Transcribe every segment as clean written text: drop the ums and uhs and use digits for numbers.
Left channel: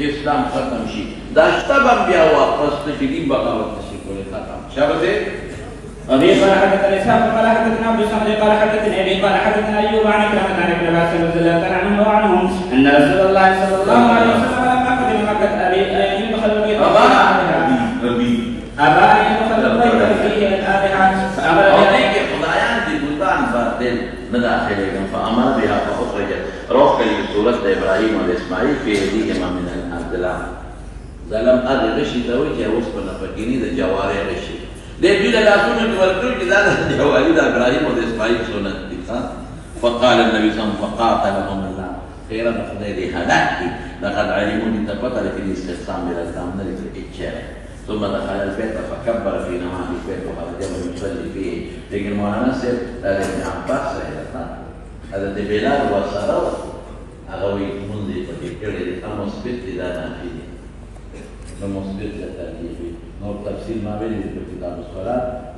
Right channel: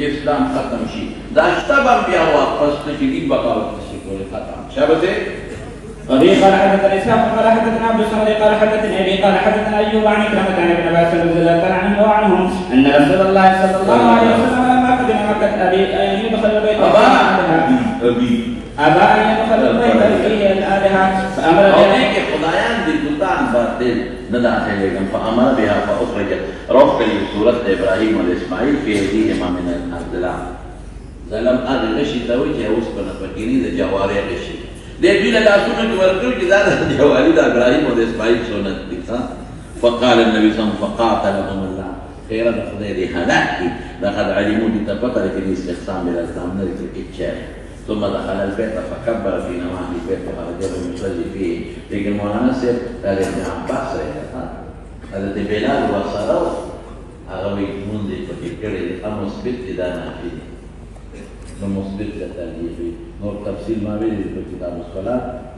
اسلام ختم شي دا شتب انبیاء واپس نشي بغاوت نشي کول ختم شابه وفي قال حدثنا اسحاق قال حدثنا عبد الصمد قال حدثني ابي قال حدثنا ايوب عن كلمه عن ابن عباس رضي الله تعالى عنه وعنهم ان رسول الله صلى الله عليه وسلم لما قدم مكه ابي ان يدخل البيت ابا ان يدخل البيت فيه الابهه فامر بها خدایان دي بوتان باطل نداخلهم فامر بها فاخرجت روح سوره ابراهيم واسماعيل في ايديهما من الارض ظلم ادي غشي زوجي وسبنا فكيني ده جواري غشي دې دې له تاسو نه ورکړ چې دا د جوالي د ابراهيم او د اسماعیل سنت دي فقال النبي صلى الله عليه وسلم فقاتلهم الله خيرا خدای دې هلاك لقد علموا بتفضل في الاستقسام الى الامر الاتجاه ثم دخل البيت فكبر في نماذج البيت وخرج يصلي فيه لكن مولانا سيد ابن عباس الذي بلال وصاره اغوي منذ فكر المثبت لا نافي المثبت لا تنفي نور تفسير ما بين كتاب الصلاة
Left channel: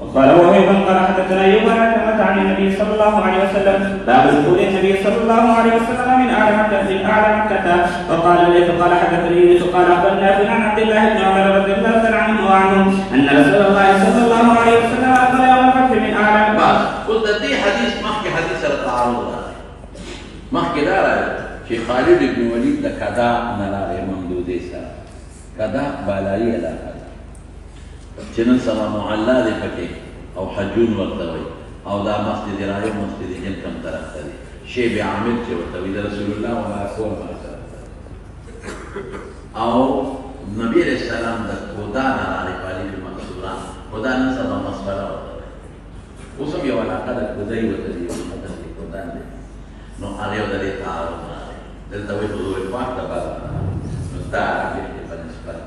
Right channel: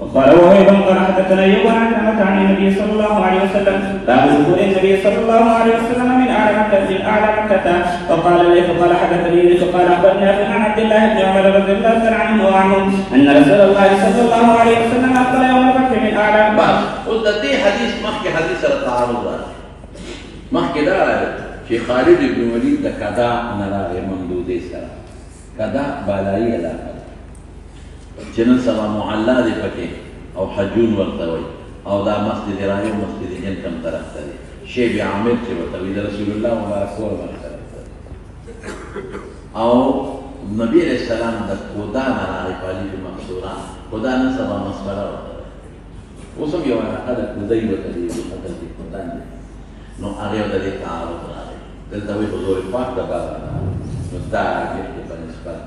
وقال وهيب قال حدثنا ايوب عن النبي صلى الله عليه وسلم باب دخول النبي صلى الله عليه وسلم من اعلى مكة فقال لي فقال حدثني فقال اخبرنا عن عبد الله بن عمر رضي الله تعالى عنه وعنهم ان رسول الله صلى الله عليه وسلم اقبل يوم الفتح من اعلى بس قلت دي حديث محكي حديث التعارض محكي ده في خالد بن وليد كذا نلا ممدودي سره کدا بالایی علاقه چې نن سبا معلا دی پکې او حجون ورته وي او دا مسجد راهب مسجد هند کوم طرف ته دی شیب عامر چې ورته وي د رسول الله مبارک ور باندې او نبی علیہ السلام د خدا نه علی منصوران خدا نه سبا مسخره اوس هم یو علاقه د دې ورته دی مقدس خدا نه نو هغه د دې تعارض راځي دلته وي حضور پاک د بار نو دا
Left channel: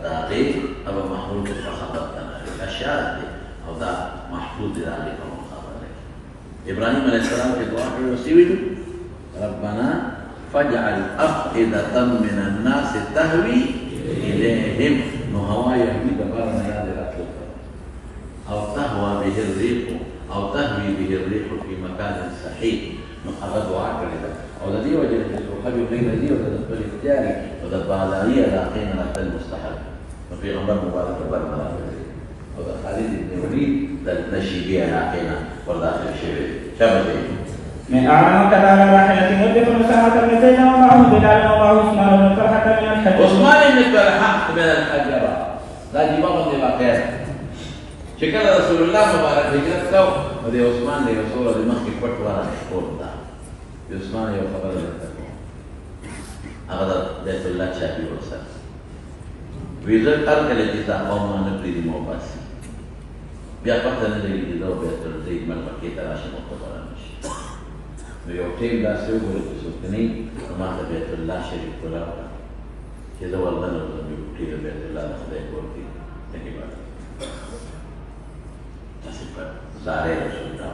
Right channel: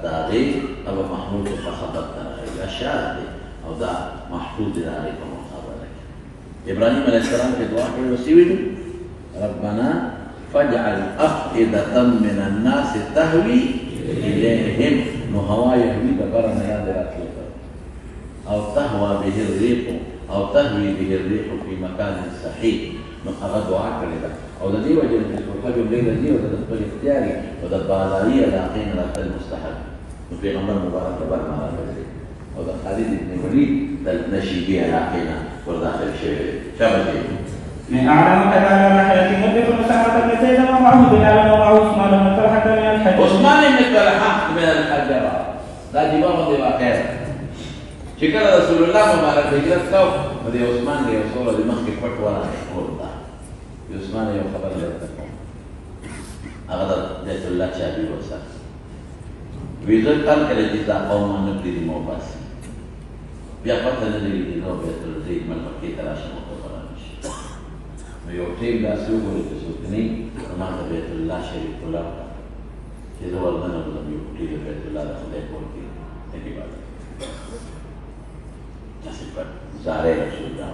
تاريخ أو محمود فخبر الأشياء أو ده محفوظ ذلك ومخبر إبراهيم عليه السلام في دعاء وسيله ربنا فاجعل أفئدة من الناس تهوي إليهم نهوا يهوي دبرنا هذا الأكل أو تهوى به الريح أو تهوي به الريح في مكان صحيح أخذ دعاء كذا أو الذي وجد الخبر بين الذي وجد الاختياري وده بالغية لاقين على المستحب وفي عمر مبارك برنا وده خالد بن وليد نشي بها لاقينا وداخل الشباب شبابي من أعلم كذا راحلة يدخل مساحة المسجد ومعه بلال ومعه عثمان بن طلحة من الحج عثمان بن طلحة من الحجرة لا جبار دي بخير شكرا رسول الله مبارك هجرت كو ودي عثمان دي رسول الله مخي فتوى يقول عثمان يوم خبر هذا بيت الله شابي وسط ويزر قال كلا جزاء قوم نبتدي موباس بيأخذ الذي يدور بيت الزيت من الكيت عشان مقصر مش بيوتين بأسلوب ولتسوقني ما بيت الله شريك ولا إذا والله نقول بيوتين بيت الله خدای ورتي دې بعد تاسو سارے رسول الله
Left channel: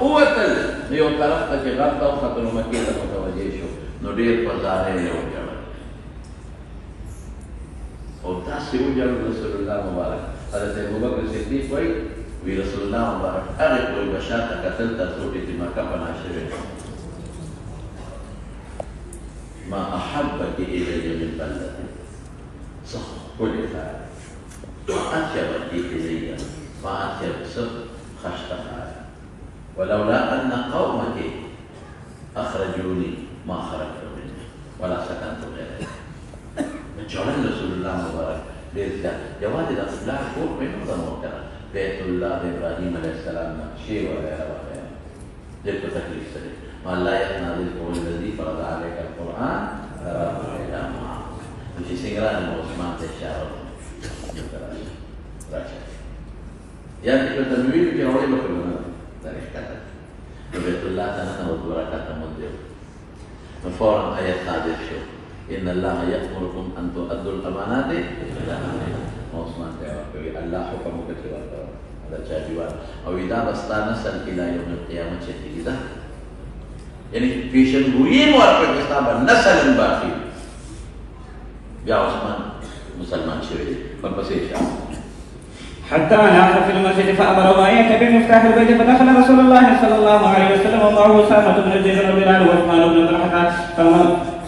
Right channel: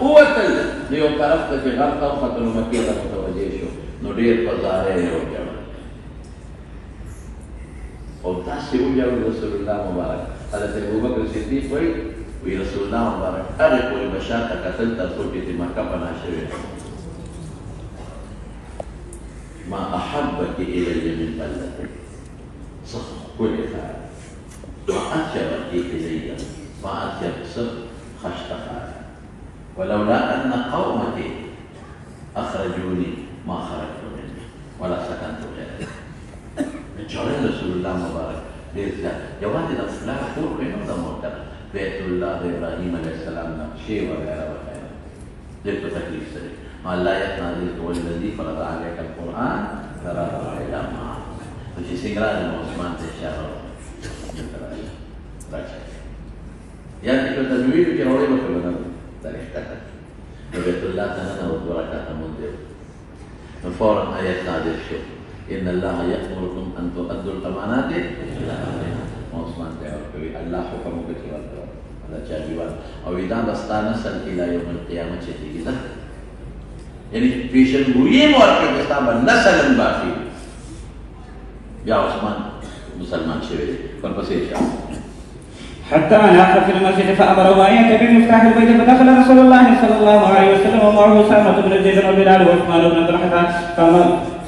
قوة اليوم تعرفت في غرب طاقة المكية وتوجيشه ندير فضائل اليوم وتحسب جل رسول الله مبارك قال أبو بكر الصديق ورسول الله مبارك أرق المشاقة قتلت صوبة ما كفن عشرين ما أحبك إلي من بلد صح كل فعل وأطيبك إلي ما أطيب صدق خشتها ولولا أن قومتي أخرجوني ما خرجت مني ولا سكنت غيري من شعور رسول الله مبارك ليس جواد الأصلاح فوق نظام وكذا بيت الله إبراهيم عليه السلام شيء ولا خير ليس تكليف سري ما لا يقنع رزق والذي فرض عليك القرآن ترى إلى معه في سنغران الموسمان تشارع يعني التنوير في رواية وكلنا لا يشتكى وبيت الله تنتهى وبركات مدر وفورا آية هذه الشيء إن الله يأمركم أن تؤدوا الأمانات إلى أهلها وعثمان تقول الله حكم بكرة هذا جابوا أو إذا نسأل إلى يوم القيامة شديدة يعني في شنوين وارك كتابا نسل باقي يا عثمان مسلمان شوي فنبسيشا حتى نام في المسجد فأمره أن يأتي بمفتاح البيت فدخل رسول الله صلى الله عليه وسلم ومعه أسامة بن زيد وبلال وعثمان بن طلحة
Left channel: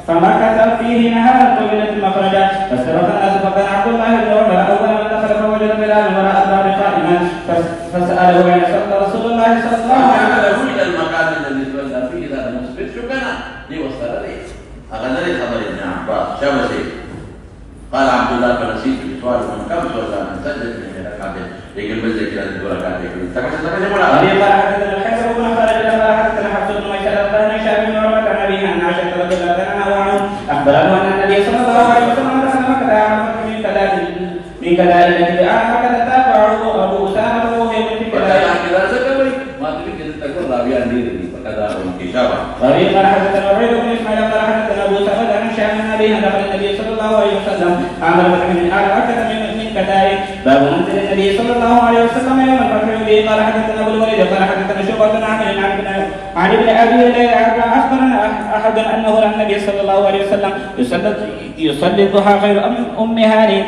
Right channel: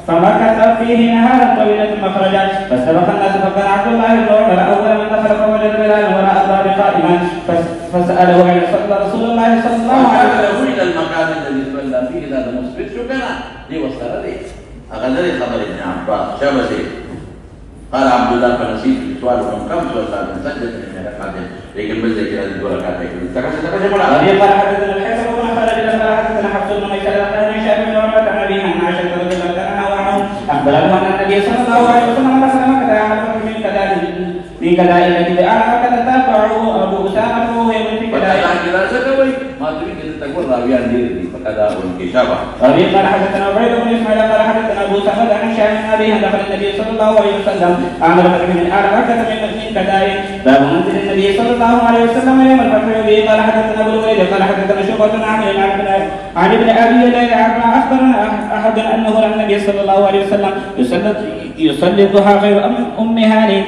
فمكث فيه نهارا طويلا ثم خرج فاستبق الناس فكان عبد الله بن عمر أول من دخل فوجد بلال وراء الباب قائما فسأله أين صلى رسول الله صلى الله عليه وسلم إلى المكان الذي صلى فيه إلى المسجد شو كان دي وصل لي أغلى خبر ابن عباس شو قال عبد الله فنسيت سؤال من كم صلى من سجد لكن بزك إلى البركات لكن تكلم ولا قال حدثنا الحسن بن خالد قال حدثنا حفص بن ميسرة عن هشام بن عروة عن أبيه عن عائشة رضي الله عنها أخبره أن النبي صلى الله عليه وسلم رسم كذا عمل من كذلك أعلم كذا تابعه أبو أسامة وهو يقول في كذلك ما تريد أن تقول راويان دي كذا وانكشافا قال حدثنا عبيد بن إسماعيل قال حدثنا أبو أسامة عن هشام بن أبيه أن النبي صلى الله عليه وسلم عمل من أعلم كذا من كذلك باب منزل النبي صلى الله عليه وسلم يوم الفتح به قال حدثنا ابو الوليد قال حدثنا شعبة عن ابن ابي ليلى اخبرنا احد انه النبي صلى الله عليه وسلم يصلي الضحى غير ام هاني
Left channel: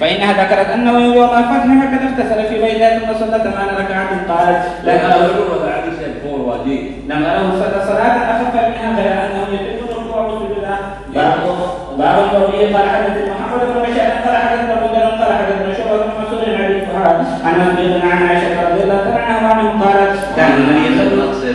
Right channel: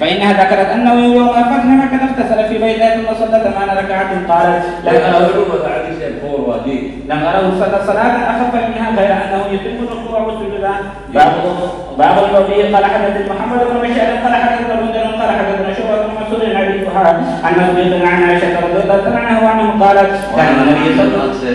فانها ذكرت انه يوم الفتح مكه اغتسل في بيته ثم صلى 8 ركعات قالت لم اره صلى صلاه اخف منها غير انه يتم الركوع والسجود باب القولي قال حدثنا محمد بن بشار قال حدثنا قال حدثنا شعبة بن مسعود عن ابي سهيل عن مسعود عن عائشة رضي الله عنها وعنه قالت كان النبي صلى الله عليه وسلم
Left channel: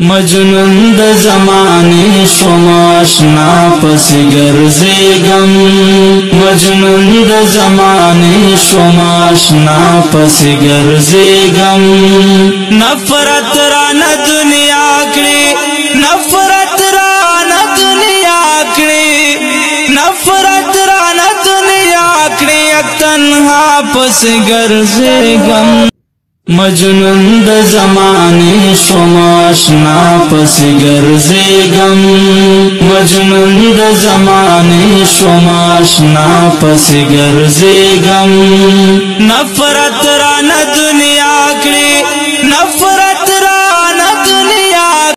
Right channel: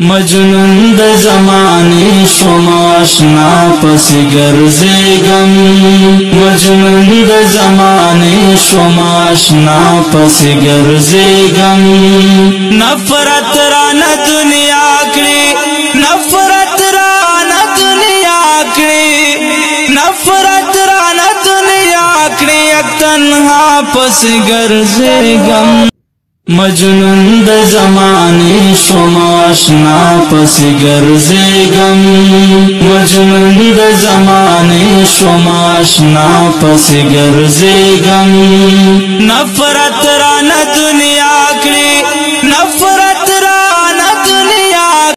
مجنون د زمانه شوم آشنا پس ګرځېږم مجنون د زمانه شوم آشنا پس ګرځېږم نفرت رانه دنیا کړې نفرت رانه دنیا کړې نفرت رانه دنیا کړې تنها پس ګرځېږم مجنون د زمانه شوم آشنا پس ګرځېږم مجنون د زمانه شوم آشنا پس ګرځېږم نفرت رانه دنیا